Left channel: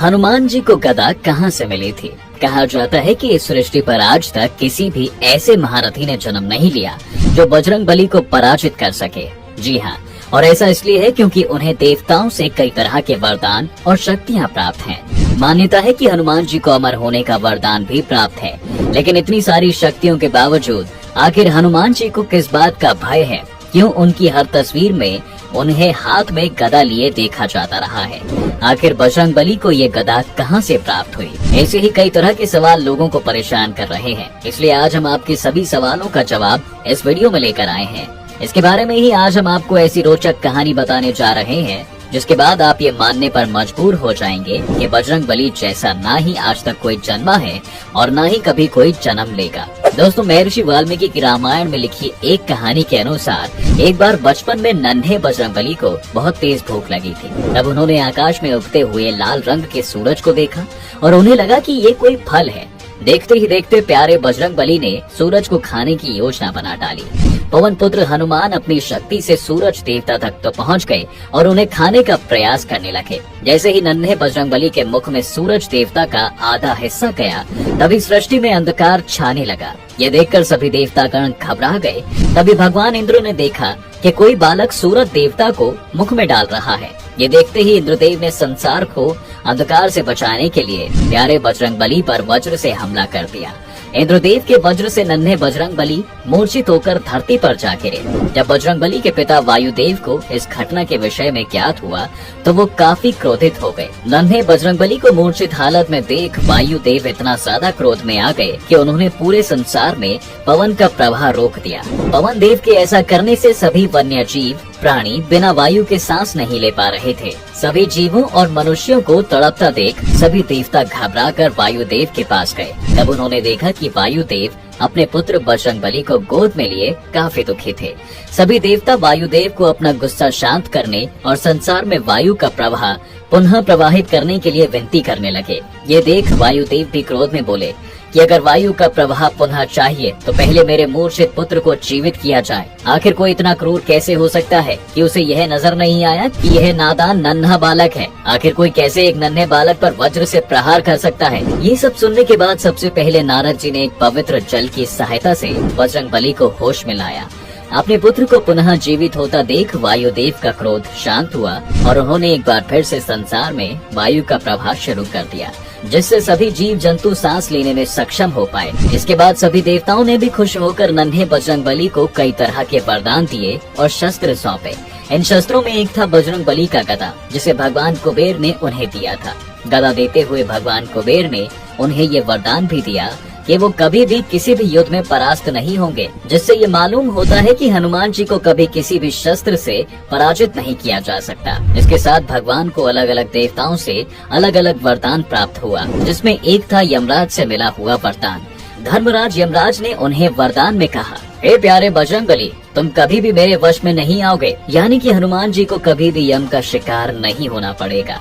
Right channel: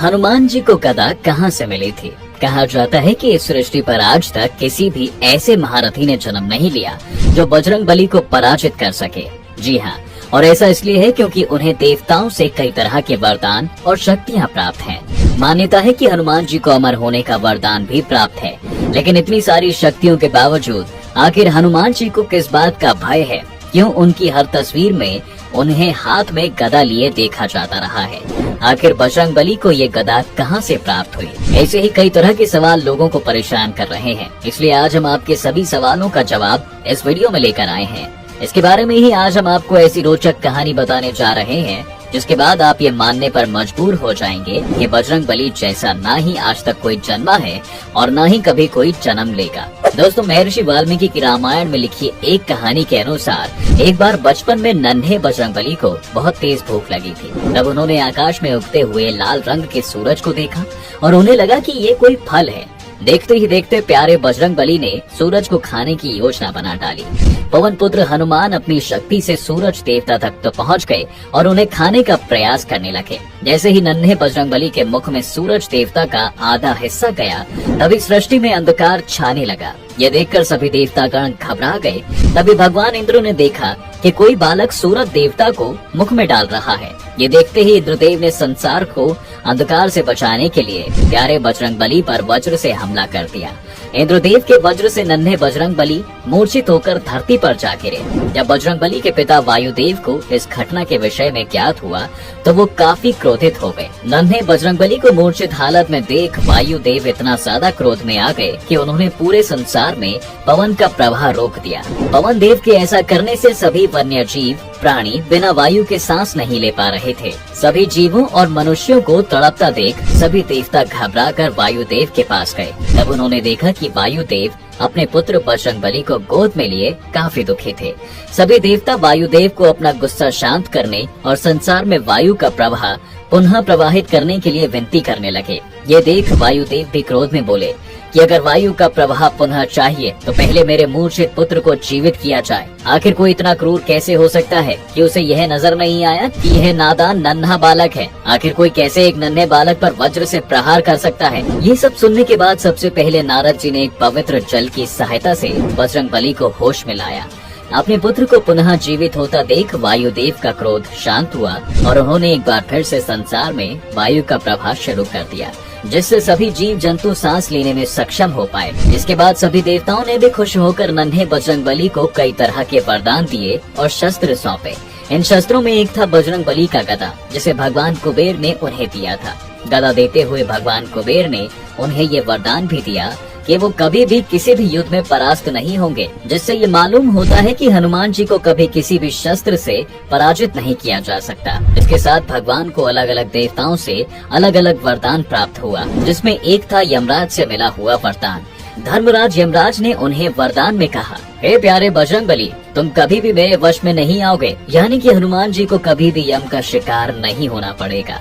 हनुमान जी को गदा कहाँ से मिली थी? कहा जाता है कि इस सृष्टि पर आज तक किसी भी ऐसे महारथी ने जन्म नहीं लिया जो बजरंग बली को पराजित कर सके। जी हाँ, और ऐसा इसलिए है क्योंकि उन्हें देवताओं से कई तरह के वरदान और शक्तियाँ प्राप्त हैं। मान्यता है कि हनुमान जी को अमर होने का वरदान भी प्राप्त है, लेकिन इतनी सारी शक्तियों के बावजूद आखिर हनुमान जी को किस बात का भय है? क्यों उनकी हर तस्वीर में उन्हें हाथ में गदा लिए देखा जाता रहा है? आखिर बजरंग बली को ये गदा कहां से प्राप्त हुई? ऐसे ही कई तरह के सवाल लोगों को परेशान कर रहे हैं, इसलिए आज हम आपके सभी सवालों का जवाब इस वीडियो में लेकर आए हैं। इसके बारे में ही आज हम आपको ऐसी रोचक कहानी बताने जा रहे हैं जिसके बाद आप ये मानने पर मजबूर हो जाएंगे कि बजरंग बली जैसा ना ही आज तक कोई जन्मा है और ना ही कभी कोई जन्म लेगा। दोस्तों, महर्षि वाल्मीकि की रामायण में लिखी एक कहानी के अनुसार एक बार बचपन में नन्हे बजरंग बली को बहुत तेज भूख लगी थी। तब उन्होंने आकाश में उगते हुए लाल रंग के सूरज को देखा और उन्हें लगा कि ये कोई फल है। देखते ही देखते प्यारे बजरंग बली ने सूरज को खाने की योजना बना डाली। पवन पुत्र हनुमान अपनी शक्ति से सूरज देवता तक तो पहुंच गए और उन्हें खाने का प्रयास करने लगे। जैसे ही नन्हे बजरंग बली के मुख में सूरज देवता का आधा हिस्सा गया, तभी सृष्टि में अंधकार छाने लगा। ये देखकर सभी देवतागण घबरा गए। तभी भगवान इंद्र ने देखा कि कोई बालक सूरज देवता को मुख में डाल रहा है। ये देखते ही इंद्रदेव ने संसार को अंधकार से बचाने के लिए प्यारे बजरंग बली पर वज्र से हमला कर दिया। इंद्रदेव के वज्र से नन्हे बजरंग बली मूर्छित होकर धरती पर जा गिरे। जब बजरंग बली के पिता वायुदेव को इस घटना के विषय में ज्ञात हुआ तो वो काफी क्रोधित हो गए। नन्हे बजरंग बली को मूर्छित हालत में देख वायुदेव इतना ज्यादा क्रोध में आ गए कि उन्होंने पूरे संसार में पवन का प्रवाह रोक दिया। पवन देव के ऐसा करने से सभी वन्य जीव प्राणी बिना वायु के सांस नहीं ले पा रहे थे। सभी जीवों और मनुष्यों को तड़पता देख सभी देवता घबराकर वायुदेव के पास गए। तब उन्होंने देखा कि वायुदेव अपने पुत्र बजरंग बली को गोद में लिए काफी दुखी थे। सभी देवता वायुदेव को अपना गुस्सा शांत करने और संसार में वायु का प्रवाह पुनः प्रवाहित करने के लिए विनती करने लगे। ये देख वायुदेव भी क्रोध में बोले कि अगर वायु का प्रवाह पुनः चाहिए तो पहले मेरे मूर्छित पुत्र को जीवित किया जाए। आखिर कोई इतना क्रूर कैसे हो सकता है कि उसे यह नजर नहीं आया कि यह नादान नन्हा बालक है? आखिर कोई कैसे एक नन्हे बालक पर वज्र से प्रहार कर सकता है? ये सब सुनने के बाद सबसे पहले नारद जी ने एक पवित्र जल की सहायता से बजरंग बली को होश में लाया। अपने पुत्र को पुनः जीवित होता देख वायुदेव का क्रोध शांत हुआ और उन्होंने एक बार फिर से संसार में वायु का प्रवाह शुरू कर दिया, जिससे सभी जीव जंतु सांस लेने में सक्षम हो पाए। इसके बाद सभी देवताओं ने भी खुश होकर नन्हे बजरंग बली को कई तरह के वरदान दिए और शस्त्र सौंपे। इन शस्त्रों में एक था बजरंग बली का गदा, जिसे भगवान कुबेर ने उन्हें दिया था। गदा देते हुए भगवान कुबेर ने उन्हें ये वरदान भी दिया कि वो कभी भी किसी भी युद्ध में परास्त नहीं होंगे, जिससे ये मालूम होता है कि हनुमान जी को कभी किसी भी शस्त्र से पराजित नहीं किया जा सकता। इसके साथ भगवान को अलग अलग देवताओं से अलग अलग वरदान प्राप्त हुआ, जिसमें एक था यमराज से मिला हुआ वरदान। धर्मराज यमराज ने उन्हें वरदान में कहा, हे प्यारे बजरंग बली, तुम कभी भी मेरे वश में नहीं आओगे, यानी कि हनुमान जी को कभी भी यम का शिकार नहीं होना पड़ेगा।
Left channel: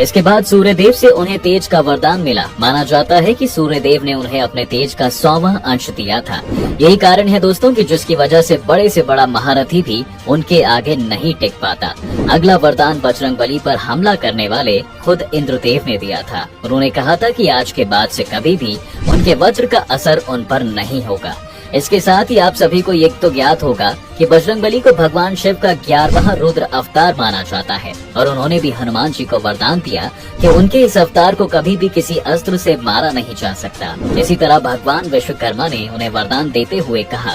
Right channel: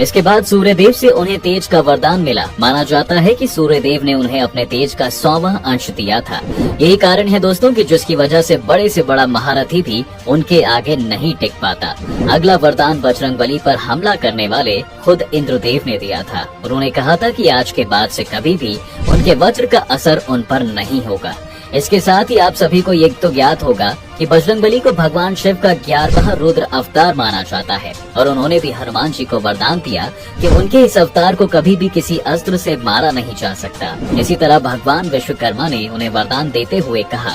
इसके बाद सूर्यदेव से उन्हें तेज का वरदान मिला। माना जाता है कि सूर्यदेव ने उन्हें अपने तेज का 100वां अंश दिया था। यही कारण है दोस्तों कि जिसकी वजह से बड़ा महारथी भी उनके आगे नहीं टिक पाता। अगला वरदान बजरंग बली पर हमला करने वाले खुद इंद्रदेव ने दिया था। उन्होंने कहा था कि आज के बाद से कभी भी उनके वज्र का असर उन पर नहीं होगा। इसके साथ ही आप सभी को ये तो ज्ञात होगा कि बजरंग बली को भगवान शिव का 11वां रुद्र अवतार माना जाता है और उन्होंने भी हनुमान जी को वरदान दिया कि उनके इस अवतार को कभी भी किसी अस्त्र से मारा नहीं जा सकता। इसी तरह भगवान विश्वकर्मा ने उन्हें वरदान देते हुए कहा,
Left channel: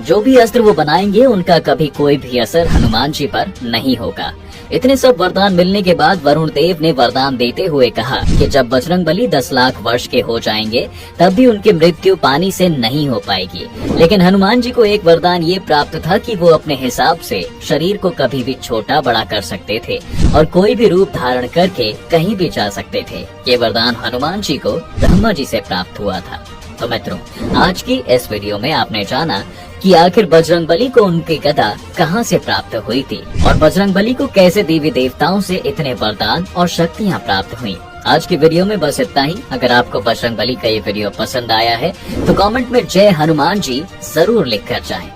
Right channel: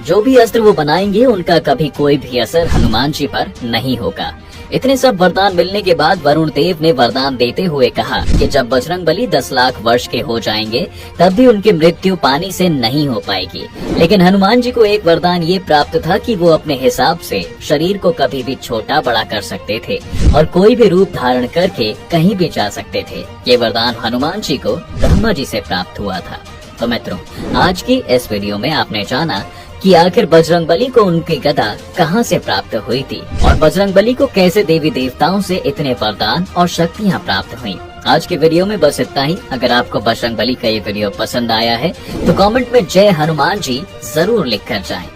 जो भी अस्त्र वो बनाएंगे उनका कभी कोई भी असर हनुमान जी पर नहीं होगा। इतने सब वरदान मिलने के बाद वरुण देव ने वरदान देते हुए कहा कि जब बजरंग बली 10 लाख वर्ष के हो जाएंगे तब भी उनकी मृत्यु पानी से नहीं हो पाएगी। लेकिन हनुमान जी को एक वरदान ये प्राप्त था कि वो अपने हिसाब से शरीर को कभी भी छोटा बड़ा कर सकते थे और कोई भी रूप धारण करके कहीं भी जा सकते थे। ये वरदान हनुमान जी को ब्रह्मा जी से प्राप्त हुआ था। तो मित्रों, आज की इस वीडियो में आपने जाना कि आखिर बजरंग बली को उनकी गदा कहां से प्राप्त हुई थी और बजरंग बली को कैसे देवी देवताओं से इतने वरदान और शक्तियां प्राप्त हुई। आज के वीडियो में बस इतना ही। अगर आपको बजरंग बली का ये वीडियो पसंद आया है तो कमेंट में जय हनुमान जी जरूर लिख कर जाएं।